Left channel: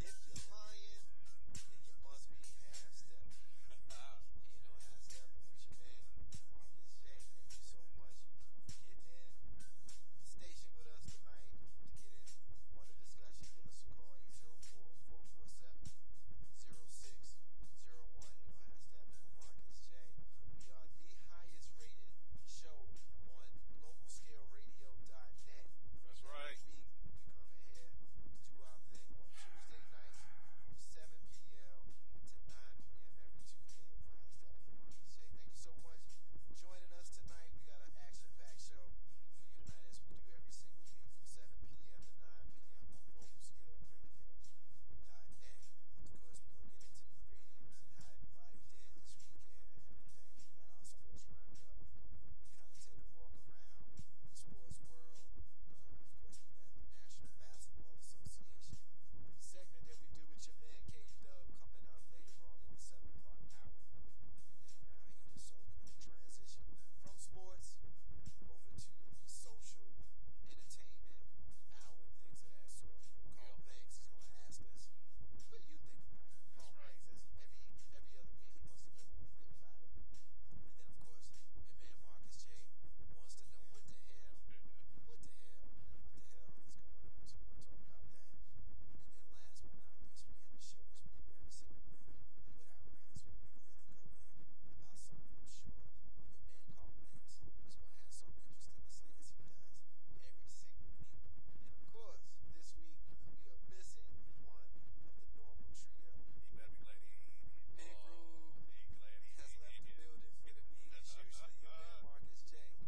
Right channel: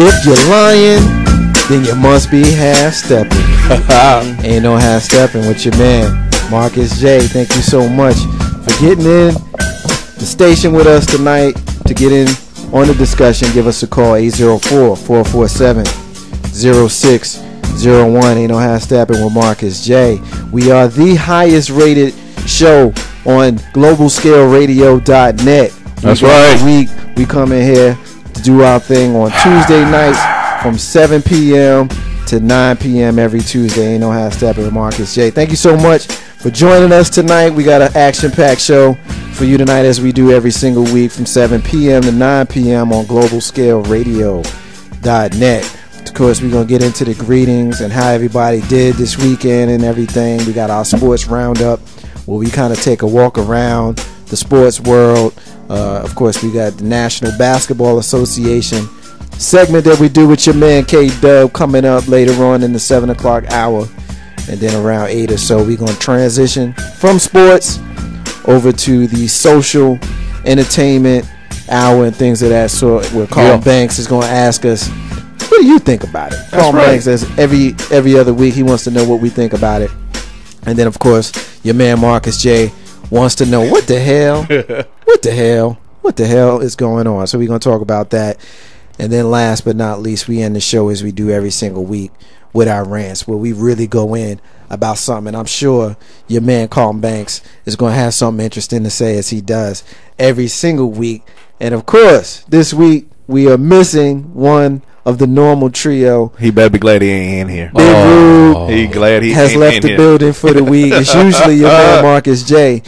If you're lying, then you must be half stepping. Ain't no half stepping with your man, Marcus J. Thank you so much for getting in the station with us tonight. To get in on the discussion, give us a call, 804-447-0601. Ain't no half stepping with Marcus J. We are the highest rated show on globalscaleradio.net. That's right. We come in here to do our thing on Tuesday nights from 7 p.m. to 9 p.m. every Tuesday. Ain't no half stepping with Marcus J. Thank you so much for joining us tonight. We got an action-packed show for you tonight, as we do every single week from 7 p.m. to 9 p.m. on globalscaleradio.net. Of course, we're going to get into the greetings and how everybody did this weekend and everything. We got our sports roundup where we kind of take a walk around the sports world. Of course, we got the National Basketball Association segment that we do with your man K-Dub coming up later on in the 7 o'clock hour. And then around 8 or so, we're going to transition from sports over to the social entertainment hour and things of that sort, where Carl Banks is going to ask us, what do you think about it? Carl Banks, as every other week, he wants to know what we think about it. And then, of course, your man Marcus J wants to know what the hell is going on. So we're going to talk about that. And then last but not least, we end the show as we do every single week with our rants, where we really go in about something. And I'm sure your man Carl Banks is going to have something interesting to say, as he does every single week. And of course, this week we are missing one of the normal trio. He better be glad he ain't in here. Big Rube he glad he has ain't left in the here. building for the week. It's usually your man Marcus J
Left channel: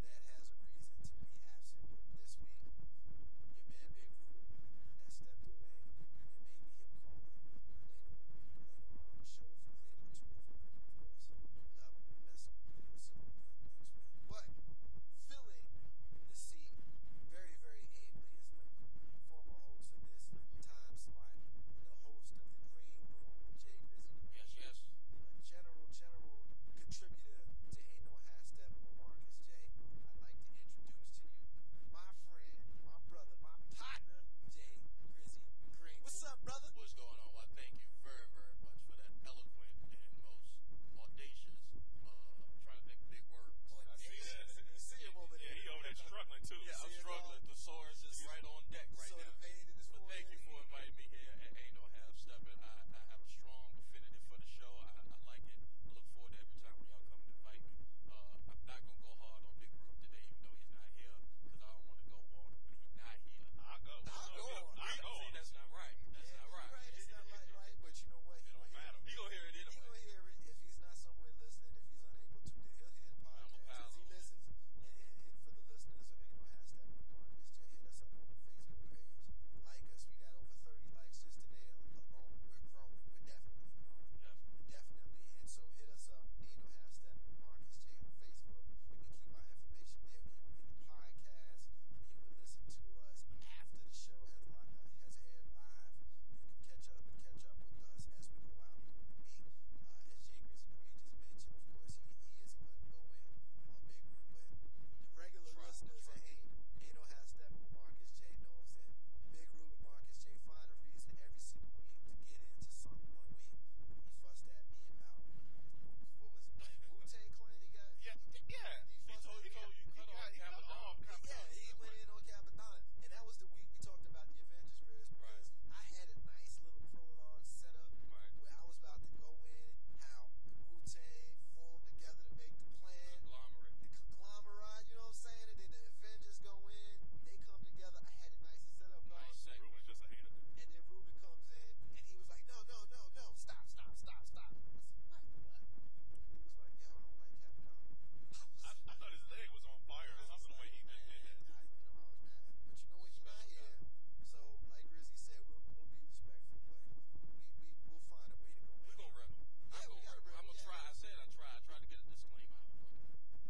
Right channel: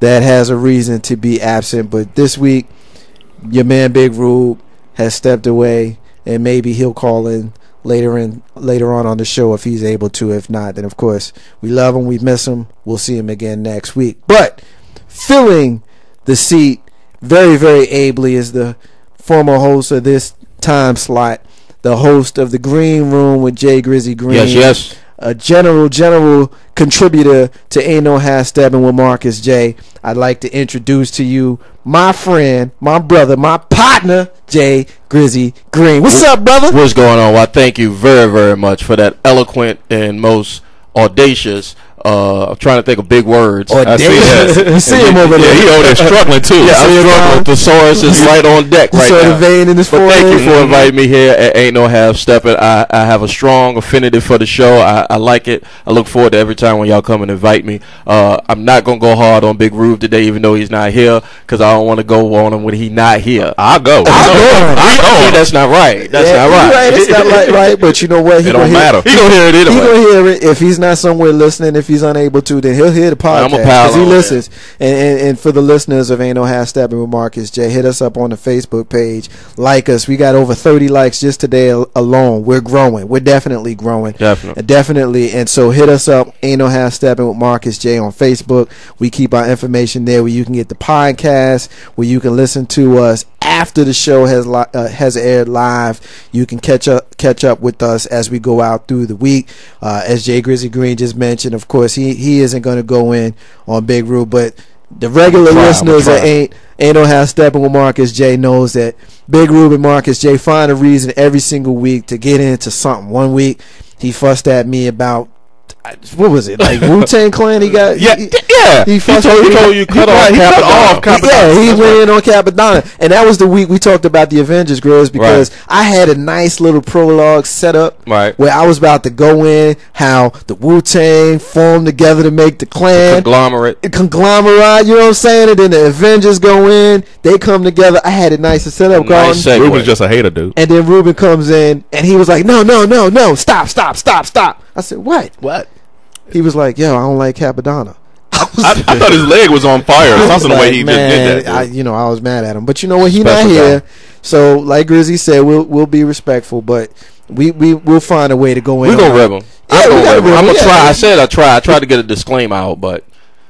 that has a reason to be absent, but this week your man Big Rube has stepped away, and maybe he'll call in later on the show if he's able to. If not, then of course we love him, we miss him, we'll see him again next week. But filling the seat very, very ably is the former host of this time slot, the host of the Green Room with Jay Grizzy Green. Yes. A general contributor to Ain't No Half Steppin' with Marcus J. I'd like to introduce to you my friend, my brother, my partner, Jay Grizzy Green. What's up, brother? What's going on? Well, thank you very, very much for that eloquent and most audacious. I'm trying to think of big words. I see that. See him over there. Yeah, he over there struggling too. Yeah, I'm struggling. Thesaurus is right on deck right now. The vein in his forehead. Thank you for inviting me here at Ain't No Half Steppin'. I have a strong affinity for the show. I like it. I look forward to every time when y'all come and invite me. I'm not gonna go hard on Big Rube today, even though he's not here, because I don't want to go on him when he's not here. I'll go. That's not right. That's not right. Right. It's not right. But you know what? It don't matter. He gonna hear it anyway. He gonna hear it. If he's not somewhere listening, if he's unable to, then he'll hear the podcast because he listens. And for the listeners of Ain't No Half Steppin' with Marcus J, hit us up on the Facebook page. Like us. We got over 30 likes just today alone. We're growing. We're definitely growing. Definitely. And so hit us up, Ain't No Half Steppin' with Marcus J on Facebook. We keep our information there where you can get the podcast, where you can listen to us after the show has aired live. You can catch up with us as we go out through the week. As Jay Grizzy Green just mentioned, of course, he isn't going to go in on Big Rube, but the regular listeners that ain't No Half Steppin' with Marcus J knows that Big Rube and Marcus J find a reason every single week to get into something. One week he fussed at me about, what was it, like Wu-Tang Clan? He got He told you cut off Capadonna. Yeah, he went in on Capadonna, and that was the week we talked about the Avengers, Grizz, because I had a nice little prologue set up where I was about to go in how the Wu-Tang formed together to make the Clan, conglomerate, you know what I'm saying? And then the Avengers go in, they come together. I had it nice to set up. Nice. Ruben's just a hater, dude. And then Ruben comes in, and he was like, no, stop. I said, what? He was like, yo, I don't like Capadonna. I thought his leg was on fire. That's the way he just did that. I was mad at him. But you know what? He's not here. So, like Grizzy said, we'll be respectful, but we'll find a way to go in. We're going to rib him. I'm going to try. I said I tried to get a disclaimer out, but.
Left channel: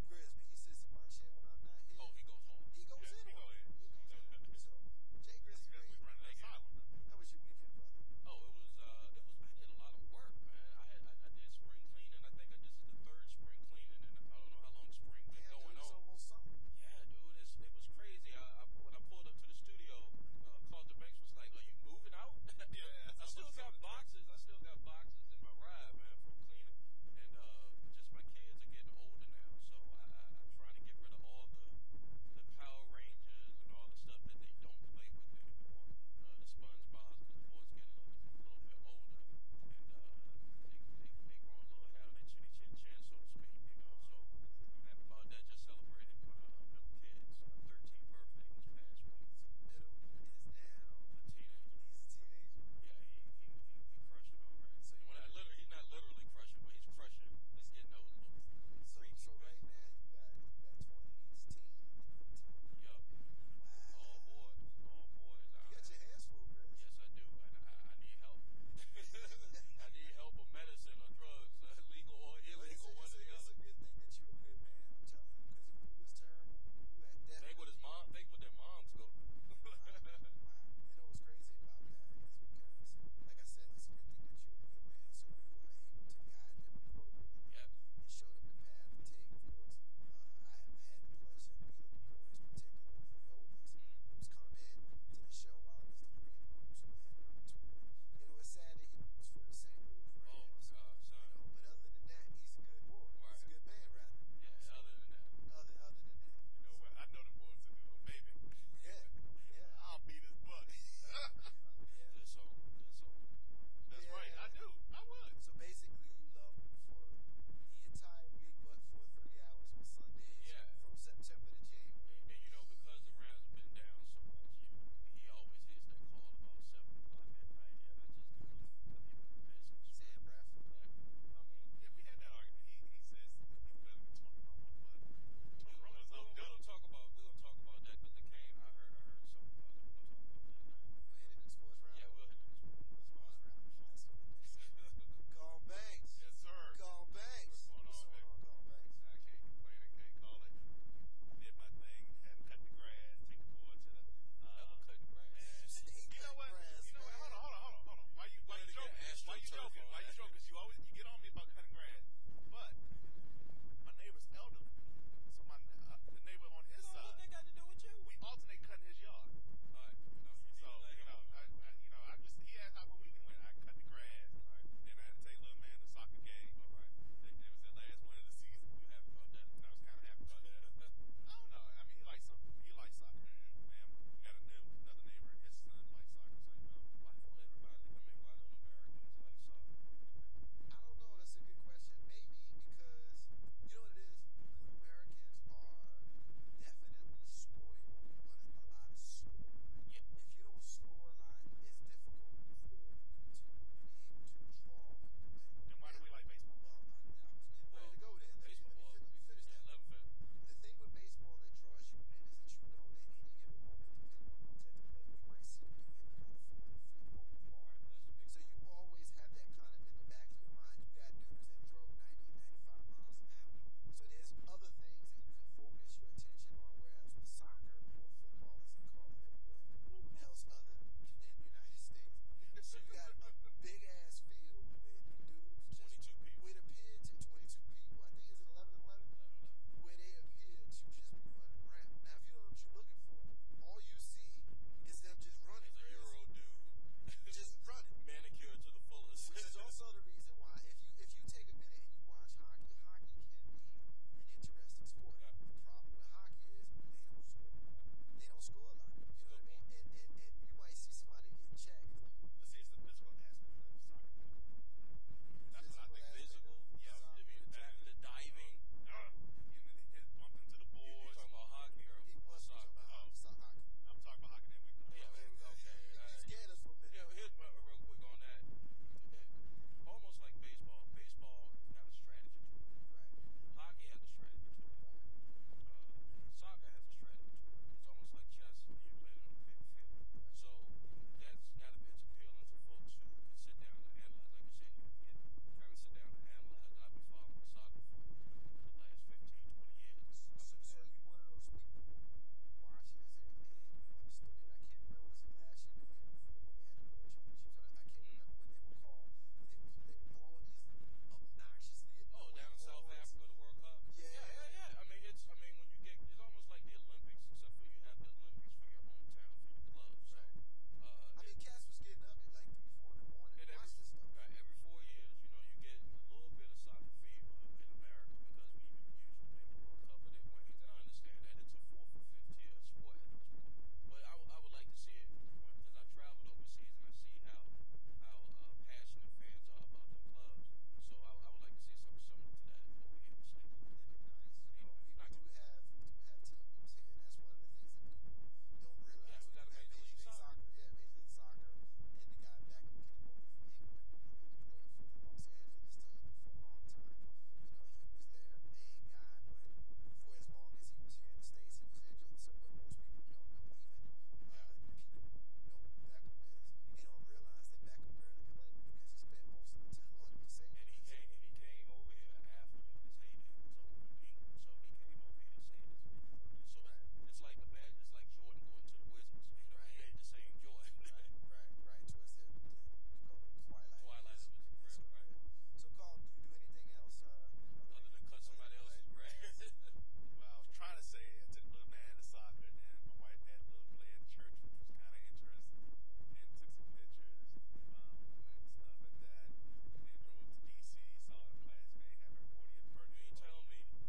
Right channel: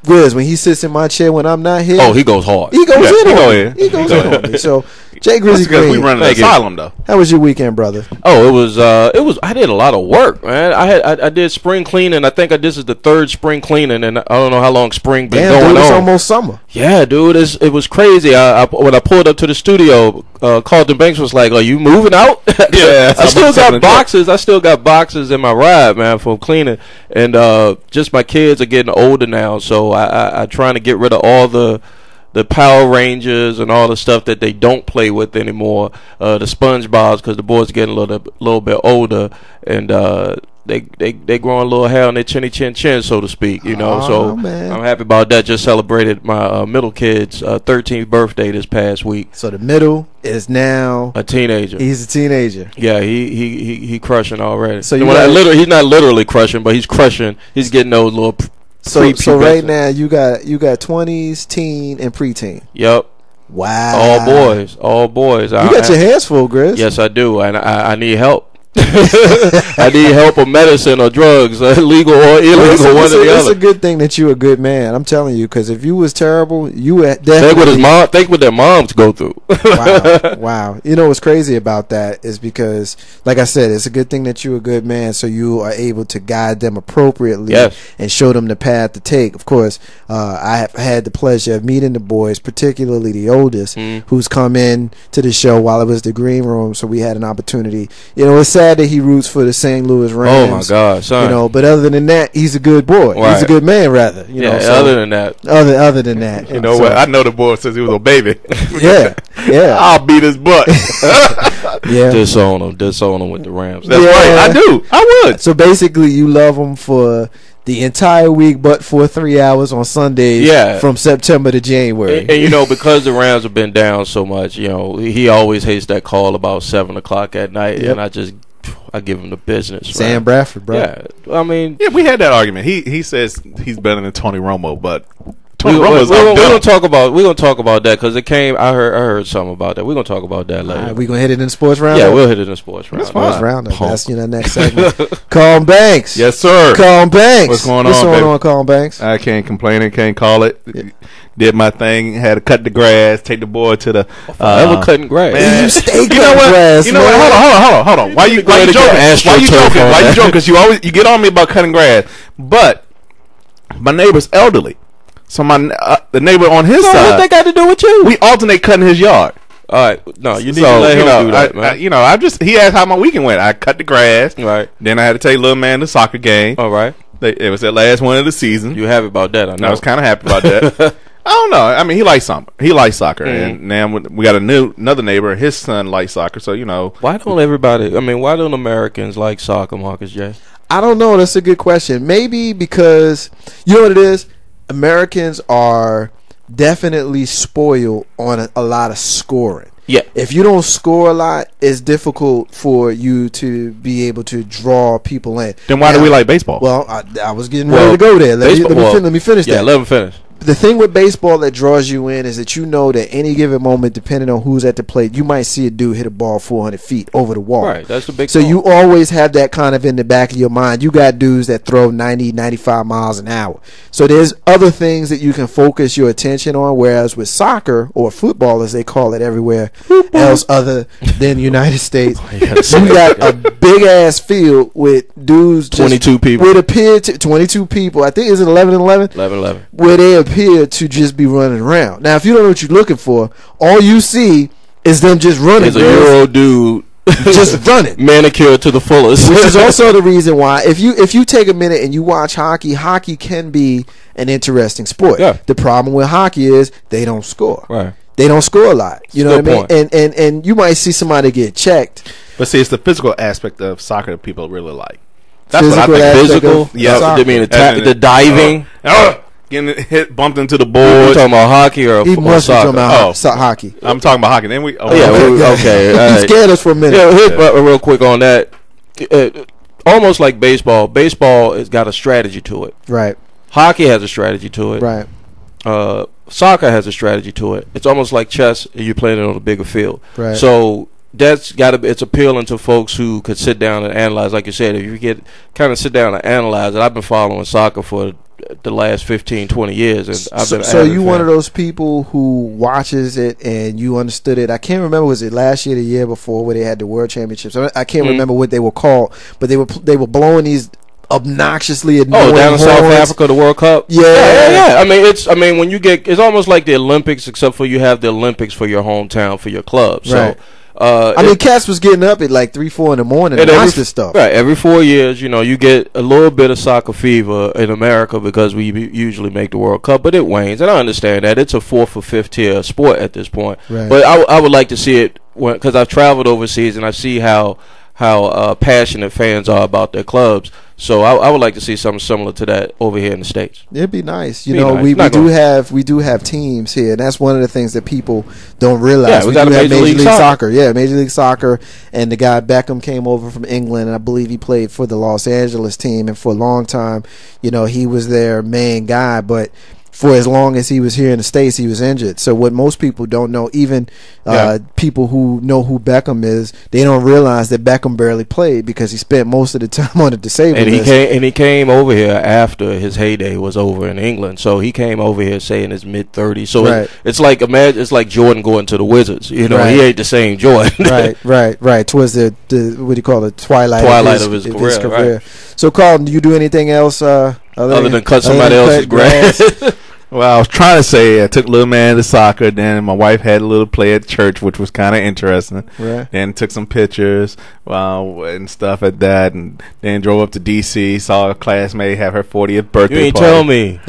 Grizz, when he sits in my chair when I'm not here. Oh, he goes hard. He goes in on me. So Jay Grizzly Green. We run an asylum though. How was your weekend, brother? Oh, it was. I did a lot of work, man. I did spring cleaning. I think this is the third spring cleaning, and I don't know how long spring been going on. It's almost summer. Yeah, dude, it was crazy. When I pulled up to the studio, Carlton Banks was like, "Are you moving out?" Yeah, I still got boxes in my ride, man, from cleaning, and just my kids are getting older now, so I trying to get rid of all the Power Rangers and all the stuff that they don't play with anymore. The SpongeBob's, because the boys are getting a little bit older, and they growing a little hair on their chinny chin chin, so to speak. You know, so man. I'm happy about that. Just celebrated my middle kid's 13th birthday this past week. So the middle is now a teenager. He's a teenager. Yeah, he crushing already. So he's not literally crushing, but he's crushing. He's getting those little. So right now you got 20s, teen, and preteen. Yep. Wow. All boys. You got your hands full, Grizz. Yes, I do, and I need help. I need help or medicine or drugs, legal or illegal, one or the other. It's a good thing that you're a good man. I'm telling you, because if you was terrible, you would definitely think what their moms go through. Wow. You know what's crazy about that is because, like I said, it's a good thing that you're a good man, so you are able to guide them appropriately and show them the path to take. Of course, I have had the pleasure of meeting the boys, particularly the oldest, who's come in to the show while it was the green room, so we had an opportunity. You know, it's sad that he roots for the St. Louis Rams. Oh my God, son! You know, but other than that, he's a good boy. Right. He's a good man, rather. You know, so other than that, you know what? I know the boy since he was a baby. Yeah. I'll beat his butt. Disown him with the Rams. That's right. I do. I would. So basically, you love him for the entire week, but for 3 hours on Sundays. Yeah. From September to January. And you know, because the Rams have been down so much, you know, he always hates that call about 7:00 at night, and I give him the business. Sam right? Bradford, bro. Yeah, I mean, we had that argument. He says he's better than Tony Romo, but Tony Romo's we're gonna talk about that because it came. I heard something about that. We're gonna talk about that later. All right, we gonna hit it in the sports round. Yeah, we'll hit it in the sports round. That's the next segment. Colin Banks. Yes, sir. Colin Banks. What's going on, Colin Banks? I can't complain and can't call it. Did my thing. Had to cut the grass. Take the boy to the. Forever cutting grass. Man, you stay cutting grass. You know what? Hold on. Why you joking? Why you joking? Because you get on me about cutting grass. But my neighbor's elderly, so the neighbor on his side. What they got to do with you? We alternate cutting his yard. All right, no, you need to let him do that, man. He asked how my weekend went. I cut the grass. Right. Then I had to take little man to the soccer game. All right. It was the last one of the season. You happy about that? I know. I was kind of happy about that. I don't know. I mean, he likes soccer, and now we got another neighbor. His son likes soccer, so you know. Why don't Americans like soccer, Marcus J? I don't know. That's a good question. Maybe because you know what it is. Americans are definitely spoiled on a lot of scoring. Yeah. If you don't score a lot, it's difficult for you to be able to draw people in. Then why do we like baseball? Well, I was getting ready to go there. Let me finish that. Yeah, let him finish. The thing with baseball that draws you in is that you know that any given moment, depending on who's at the plate, you might see a dude hit a ball 400 feet over the wall. Right, that's the big So ball. you always have that kind of in the back of your mind. You got dudes that throw 90, 95 miles an hour. So there's other things that you can focus your attention on, whereas with soccer, or football as they call it everywhere else other than the United States, you got a big-ass field with dudes 22 people. Would appear to 22 people. I think, is it 11 and 11? 11-11. Where they appear to just be running around. Now, if you don't know what you're looking for, all you see is them just running. There's a Euro dude just running, manicured to the fullest. Which is also the reason why, if you take a minute and you watch hockey can be an interesting sport. Yeah. The problem with hockey is they don't score. Right. They don't score a lot. You know Good what I mean? And you might see somebody get checked. But see, it's the physical aspect of soccer that people really like. That's what I think. Physical? Yeah. I mean, the diving. Getting hit, bumped into the board. You talking about hockey or soccer? Hockey. I'm talking about hockey. Then we. Okay. You scared us for a minute. Real quick on that. Almost like baseball. Baseball has got a strategy to it. Right. Hockey has a strategy to it. Right. Soccer has a strategy to it. It's almost like chess. And you're playing it on a bigger field. Right. So that's got to. It's appealing to folks who could sit down and analyze. Like you said, if you get kind of sit down and analyze it. I've been following soccer for the last 15, 20 years, and I've been. So you one of those people who watches it and you understood it. I can't remember, was it last year, or the year before, where they had the World Championships? I can't remember what they were called, but they were blowing these obnoxiously annoying down in South Africa, the World Cup. Yeah. I mean, when you get, it's almost like the Olympics, except for you have the Olympics for your hometown, for your club. So. Right. I mean, cats was getting up at like 3, 4 in the morning and watch this stuff. Right, every 4 years, you get a little bit of soccer fever in America because we usually make the World Cup, but it wanes, and I understand that it's a 4th or 5th tier sport at this point. Right. But I would like to see it because I've traveled overseas and I see how passionate fans are about their clubs. So I would like to see something similar to that over here in the States. It'd be nice. We do have teams here, and that's one of the things that people don't realize. Yeah, we got do have Major League Soccer. Yeah, Major League Soccer, and the guy Beckham came over from England, and I believe he played for the Los Angeles team, and for a long time, he was their main guy, but for as long as he was here in the States, he was injured. So what most people don't know, even people who know who Beckham is, they don't realize that Beckham barely played because he spent most of the time on the disabled list. He came over here after his heyday was over in England. So he came over here, say, in his mid-30s. So it's like Jordan going to the Wizards. He ain't the same Jordan. right. Towards the what do you call it, twilight of his career. Right. So, Carlton, do you do anything else other than cut somebody else's grass? Well, I was trying to say I took little man to soccer. Then my wife had a little play at church, which was kind of interesting. Right. Then took some pictures and stuff at that, and then drove up to D.C. Saw a classmate have her 40th birthday. You ain't party. tell me.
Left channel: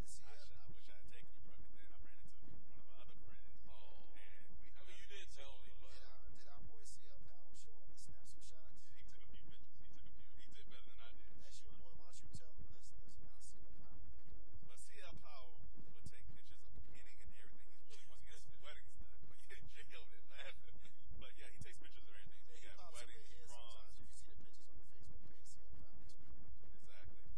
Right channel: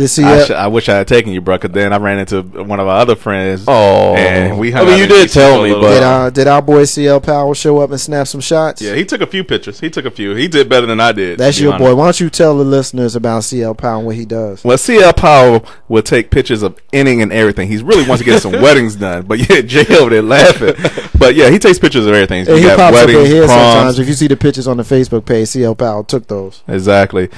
I wish I had taken you, bro. Cause then I ran into one of our other friends. Oh, and we hung I mean, you did tell me, but did our boy CL Powell show up and snap some shots? Yeah, he took a few pictures. He did better than I did. That's your boy. Why don't you tell the listeners about CL Powell and what he does? Well, CL Powell will take pictures of inning and everything. He really wants to get some weddings done. But yeah, Jay over there laughing. But yeah, he takes pictures of everything. He pops weddings, up in here proms. sometimes. If you see the pictures on the Facebook page, CL Powell took those. Exactly.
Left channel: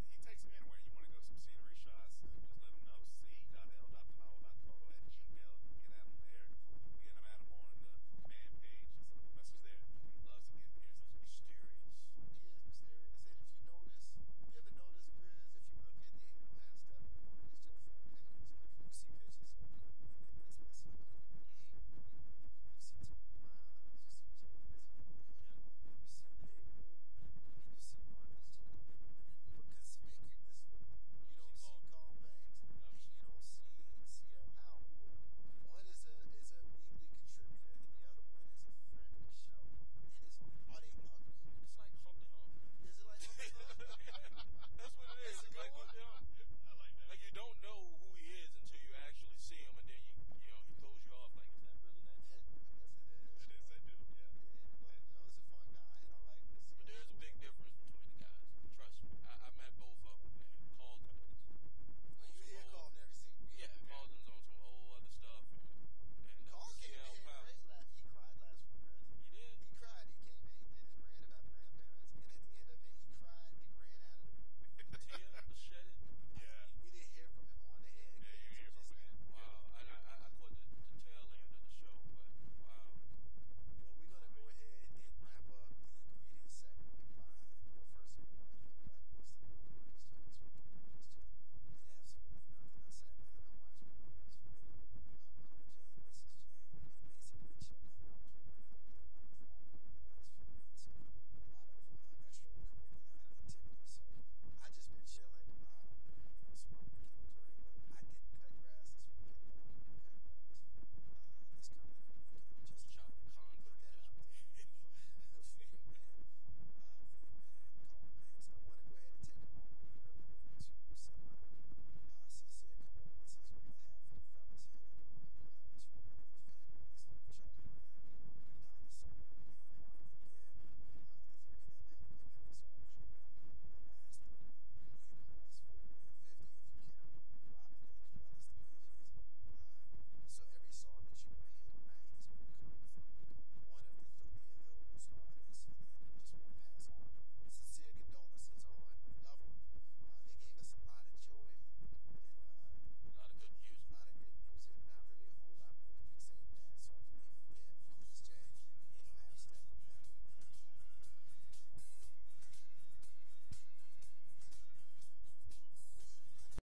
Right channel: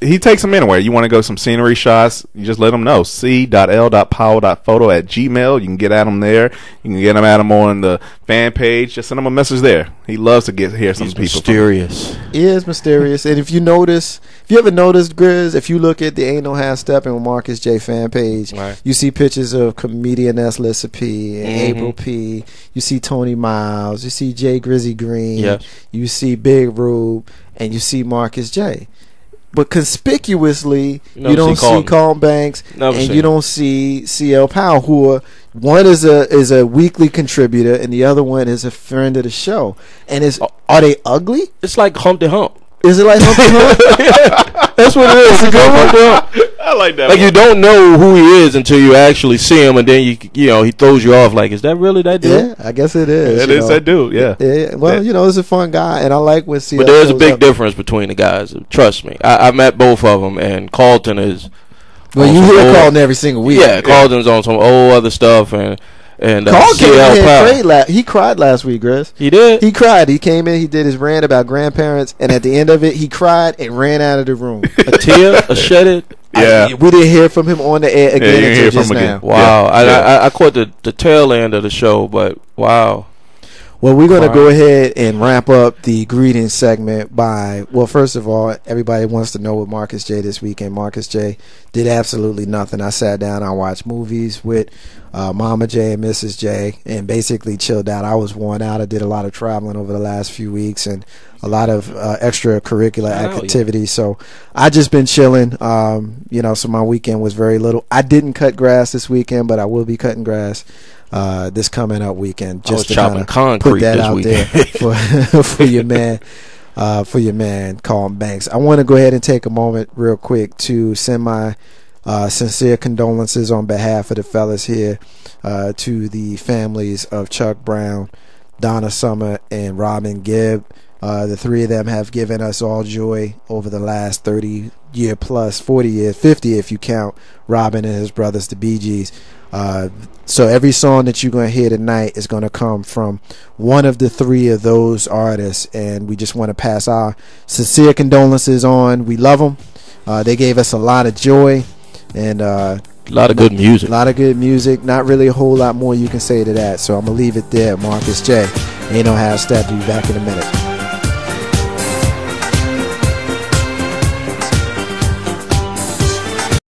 He takes them anywhere. You want to go some scenery shots, you just let him know. c.l.powell.photo@gmail. You can get at him there. You can get him at him on the fan page. Just send him a message there. He loves to hear some people. Mysterious. He is mysterious. And if you ever noticed, Grizz, if you look at the Ain't No Half Steppin' with Marcus J fan page, you see pictures of comedian Lissa P and April P. You see Tony Miles. You see Jay Grizzy Green. Yes. You see Big Rube. And you see Marcus J. But conspicuously, you don't see Carlton Banks, and you don't see CL Powell, who one is a weekly contributor, and the other one is a friend of the show. And are they ugly? It's like Humpty Hump. Is it like Humpty Hump? That's what it is. It's a good Humpty Hump. I like that. Like you don't know who he is until you actually see him, and then he throws you off. Like, is that really that dude? Yeah, I guess it is. It is that dude. Yeah. Well, he's a fun guy, and I like when CL. But there's a big difference between the guys. Trust me, I met both of them, and Carlton is. Well, you hear Carlton every single week. Yeah, Carlton's on some old other stuff, and Carl he cried last week, Grizz. He did? He cried. He came in, he did his rant about grandparents, and at the end of it, he cried and ran out of the room. A tear? A shedded? Yeah. We didn't hear from him on the air again until just now. Wow. Yeah. I caught the tail end of the show, but wow. Well, we're going to go ahead and wrap up the greeting segment by, well, first of all, everybody wants to know what Marcus J this weekend. Marcus J did absolutely nothing. I sat down, I watched movies with Mama J and Mrs. J and basically chilled out. I was worn out. I did a lot of traveling over the last few weeks and a lot of extracurricular activities. So I just been chilling. So my weekend was very little. I didn't cut grass this weekend, but I will be cutting grass this coming up weekend, just to kind of put that out there for your man, Carlton Banks. I want to go ahead and take a moment real quick to send my sincere condolences on behalf of the fellas here to the families of Chuck Brown, Donna Summer, and Robin Gibb. The three of them have given us all joy over the last 30 year plus, 40 years, 50 if you count Robin and his brothers, the Bee Gees. So every song that you're going to hear tonight is going to come from one of the three of those artists, and we just want to pass our sincere condolences on. We love them. They gave us a lot of joy, and A lot of good music. A lot of good music. Not really a whole lot more you can say to that. So I'm going to leave it there. Marcus J. Ain't No Half Step. Be back in a minute.